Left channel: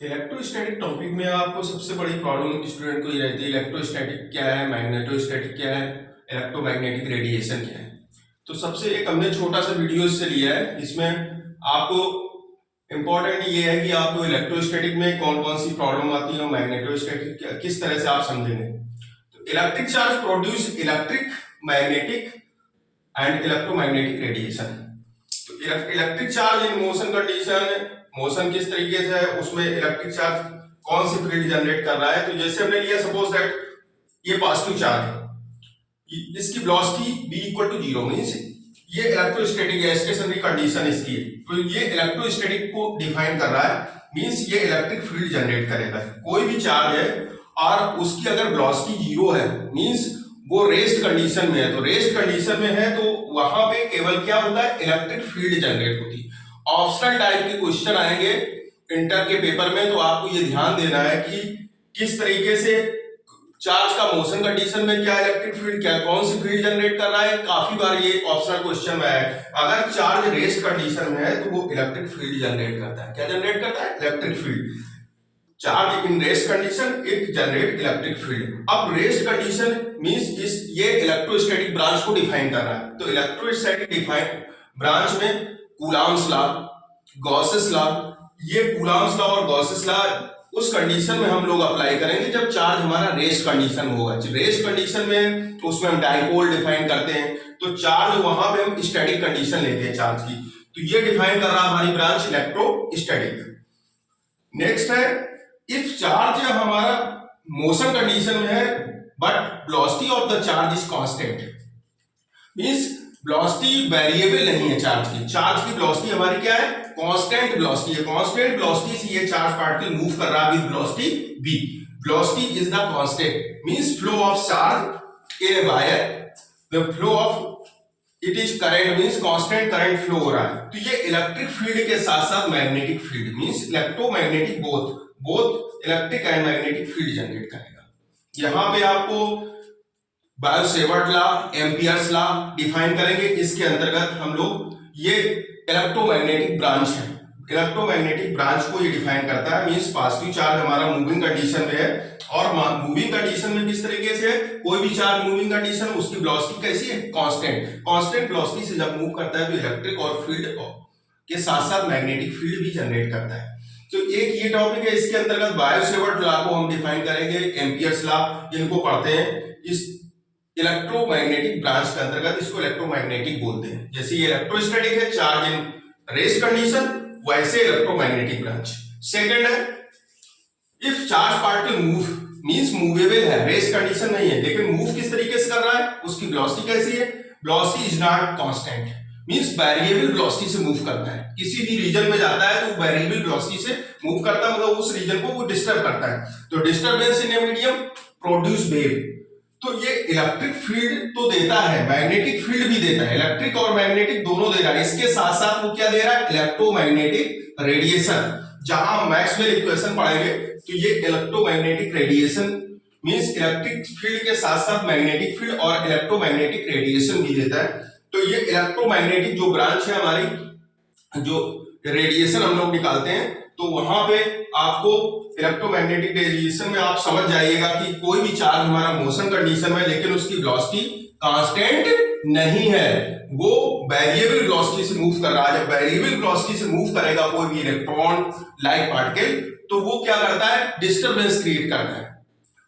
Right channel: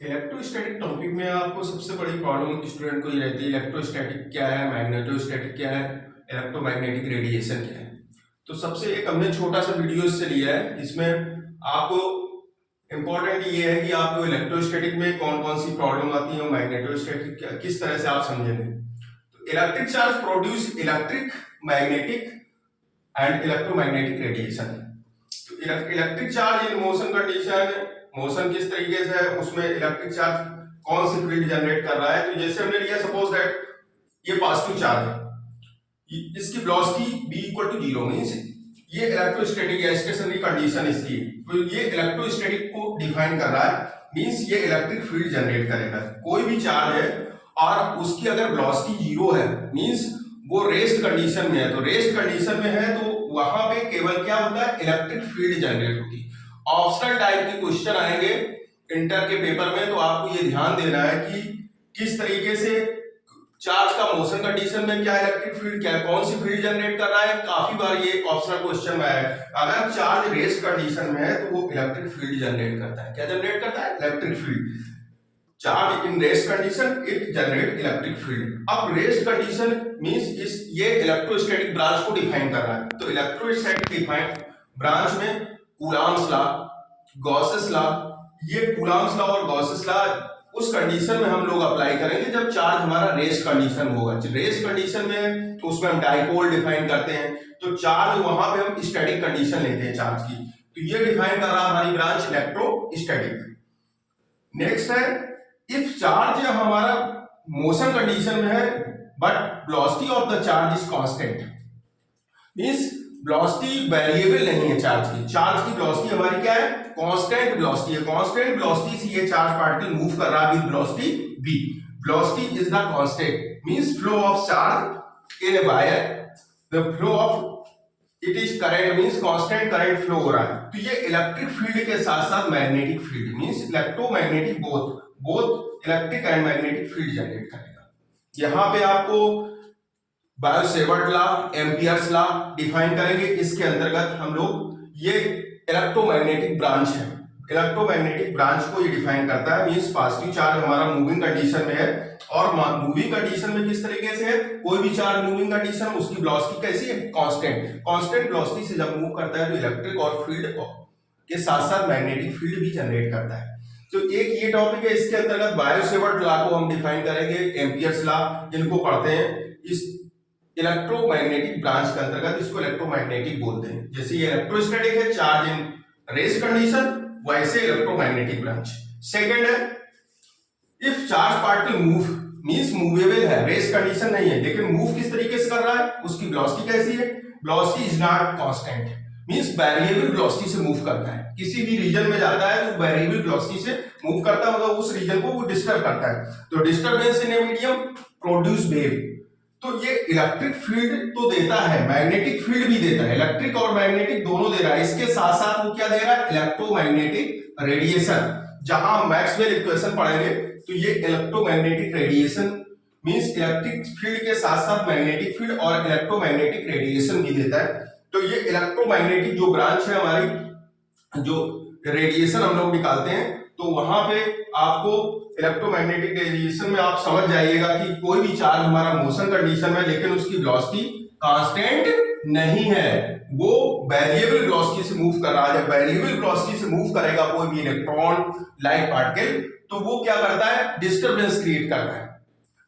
Electrostatic topic में आपको सबसे बड़ी प्रॉब्लम स्टूडेंट को ये रहती है, इलेक्ट्रोस्टैटिक क्या है, मैग्नेटोस्टैटिक क्या है, इलेक्ट्रोमैग्नेटिक रेडिएशन क्या है। तो सबसे एक हमने छोटा सा वीडियो से लिया है, इसमें आपको इम्पोर्टेंट ये है कि आपको इलेक्ट्रोस्टैटिक में कौन कौन सी प्रॉब्लम आती है और मैग्नेटोस्टैटिक किस तरह से आप समझेंगे। तो electric charge produce electric, magnetic and electromagnetic radiation. तो electric charge in motion condition, motion किस तरीके से है, उसमें इलेक्ट्रिक चार्ज कौन सी फील्ड जनरेट कर रहा है। तो जैसे हमने लिया सपोज दैट ये पॉजिटिव चार्ज है, इसकी velocity v equal to 0 means ये इलेक्ट्रोस्टैटिक है, स्टेशनरी कंडीशन इसकी है। तो ये इलेक्ट्रोस्टैटिक को डिफाइन कर रहा है, मींस ये इलेक्ट्रिक फील्ड जनरेट करेगा। कोई भी चार्ज है और उसकी अगर वेलोसिटी 0 है मींस वो रेस्ट कंडीशन में है। तो रेस्ट कंडीशन में है तो वहां पे केवल क्या होता है, इलेक्ट्रिक फील्ड जनरेट होती है। ऑप्शनल टाइप के क्वेश्चन आएंगे इंटर के पेपर में, तो आपको ये ध्यान देना है कि किस तरीके से चार्ज का मोशन कंडीशन में क्या इलेक्ट्रिक फील्ड, क्या कौन सी फील्ड जनरेट कर रहा है। काफी बार ये ऑप्शनल क्वेश्चन में है, अगर चार्ज रेस्ट कंडीशन में है तो वो इलेक्ट्रिक फील्ड जनरेट करता है। क्या जनरेट करता है? Electric field. Charge in rest condition it generate electric field. अब रेस्ट कंडीशन मींस ये इलेक्ट्रोस्टैटिक ब्रांच को डिफाइन कर रहा है। तो इलेक्ट्रोस्टैटिक डिफाइन ब्रांच में कूलॉम्स लॉ, गॉसेस लॉ, ये कूलॉम्स लॉ और गॉसेस लॉ उस कंडीशन में हम लोग अप्लाई करेंगे जब चार्ज हमारा रेस्ट कंडीशन होगा। रेस्ट कंडीशन में तो उसमें हम डाइपोल डिफाइन करते हैं, तो चार्ज वहां पे हम स्टैटिक कंडीशन लेते हैं चार्ज की। तो ये डिफाइन कर रहा है हमारी ब्रांच इलेक्ट्रोस्टैटिक। नेक्स्ट है इफ चार्ज हमारा मोशन कंडीशन में है but velocity of the charge is constant, means velocity variable नहीं है चार्ज की। चार्ज की वेलोसिटी हमारी क्या है? कांस्टेंट वेलोसिटी है। कांस्टेंट वेलोसिटी से ये चार्ज पार्टिकल मूव कर रहा है with velocity v। Velocity is the constant means flow of charge in a wire, the flow of it is current means constant current flow हो रहा है। तो ये इलेक्ट्रिक फील्ड के साथ साथ magnetic field means electromagnetic both electric and magnetic field generate करेगा। यहां पे आपको Biot-Savart law, Ampere's law define करेंगे। इसके अंतर्गत हम लोग ये इलेक्ट्रोमैग्नेटिक ब्रांच है, इलेक्ट्रोमैग्नेटिक ब्रांच को ये डिफाइन करता है। मींस पॉजिटिव चार्ज हमारा मूविंग कंडीशन में है और मूविंग कंडीशन में किस तरीके से है, कोई भी चार्ज मूविंग कंडीशन में उसकी वेलोसिटी कैसी है? कांस्टेंट। कांस्टेंट वेलोसिटी से जब मूव करता है तो इलेक्ट्रिक और फील्ड के साथ साथ मैग्नेटिक फील्ड भी जनरेट करता है। तो एक ये टॉपिक है, इसके अंतर्गत बायो-सेवर्ट लॉ को हम डिफाइन करेंगे, एम्पियर्स लॉ इनको पढ़ते हैं। इस इलेक्ट्रोमैग्नेटिक ब्रांच के अंतर्गत इसको इलेक्ट्रोमैग्नेटिक बोलते हैं। जैसे ये इलेक्ट्रोस्टैटिक है, चार्ज इन रेस्ट कंडीशन, वैसे इलेक्ट्रोमैग्नेटिक ब्रांच। सेकंड है if charge particle move means movable है, रेस्ट कंडीशन नहीं है लेकिन मूव किस तरीके से कर रहा है, उसकी वेलोसिटी कैसी है? Velocity is not constant means variable velocity से मूव करता है। किसी भी रीजन में जाता है तो वेरिएबल वेलोसिटी से मूव करता है, मतलब उस रीजन को वो डिस्टर्ब करता है। तो disturbance in a medium produce wave. तो ये इलेक्ट्रिक फील्ड तो देता है, मैग्नेटिक फील्ड भी देता है, इलेक्ट्रिक और मैग्नेटिक दोनों दे रहा है। इसके साथ साथ वो क्या दे रहा है? Electromagnetic radiation. जहां मैक्सवेल इक्वेशन पढ़ेंगे तो ये electromagnetic radiation means electric field के साथ साथ मैग्नेटिक फील्ड और इलेक्ट्रोमैग्नेटिक रेडिएशन भी देता है। तो ये इलेक्ट्रोमैग्नेटिक जो ब्रांच है हमारी, जो रेडिएशन हम लोग निकालते हैं, तो वहां पे आपको इलेक्ट्रोमैग्नेटिक रेडिएशन में आप समझ जाइएगा कि कोई भी चार्ज हमारा मोशन कंडीशन में लेकिन उसकी वेलोसिटी कांस्टेंट नहीं है, वो वेरिएबल वेलोसिटी से मूव कर रहा है। जब वेरिएबल वेलोसिटी से मूव करेगा कोई भी इलेक्ट्रॉन लाइक पार्टिकल, तो वो क्या करता है? डिस्टरबेंस क्रिएट करता है।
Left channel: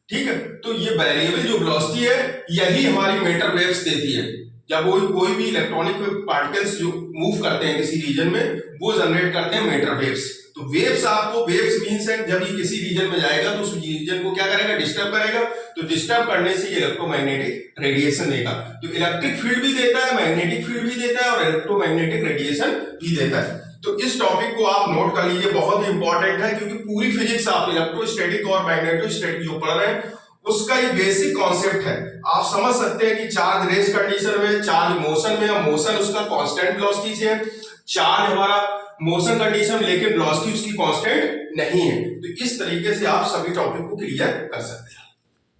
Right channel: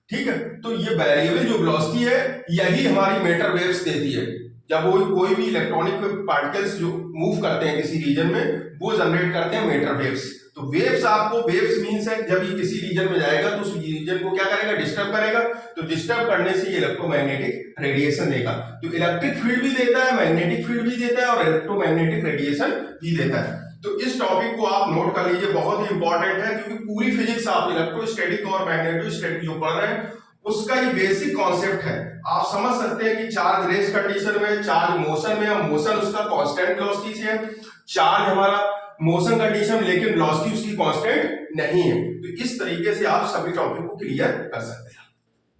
ठीक है, तो ये वेरिएबल जो वेलोसिटी है यही हमारी मैटर वेव्स देती है। जब कोई भी इलेक्ट्रॉनिक पार्टिकल्स जो मूव करते हैं किसी रीजन में, वो जनरेट करते हैं मैटर वेव्स। तो वेव्स आपको, वेव्स मींस है जब ये किसी रीजन में जाएगा तो उस रीजन को क्या करेगा? डिस्टर्ब करेगा। तो डिस्टर्ब करने से ये इलेक्ट्रोमैग्नेटिक रेडिएशन देगा। तो इलेक्ट्रिक फील्ड भी देता है, मैग्नेटिक फील्ड भी देता है और इलेक्ट्रोमैग्नेटिक रेडिएशन भी देता है। तो इस टॉपिक को आप नोट कर लीजिए, बहुत ही इंपॉर्टेंट है क्योंकि पूरी फिजिक्स आप इलेक्ट्रोस्टैटिक और मैग्नेटोस्टैटिक जो पढ़ रहे हैं उसका ये बेसिक कॉन्सेप्ट है। आप समझ सकते हैं कि चार्ज रेस्ट कंडीशन में, चार्ज मोशन में, और मोशन उसका कांस्टेंट वेलोसिटी से है। चार्ज हमारा मोशन कंडीशन लेकिन वेलोसिटी उसकी कांस्टेंट नहीं है। तो इस तरीके से आप सभी टॉपिक को क्लियर कर सकते हैं।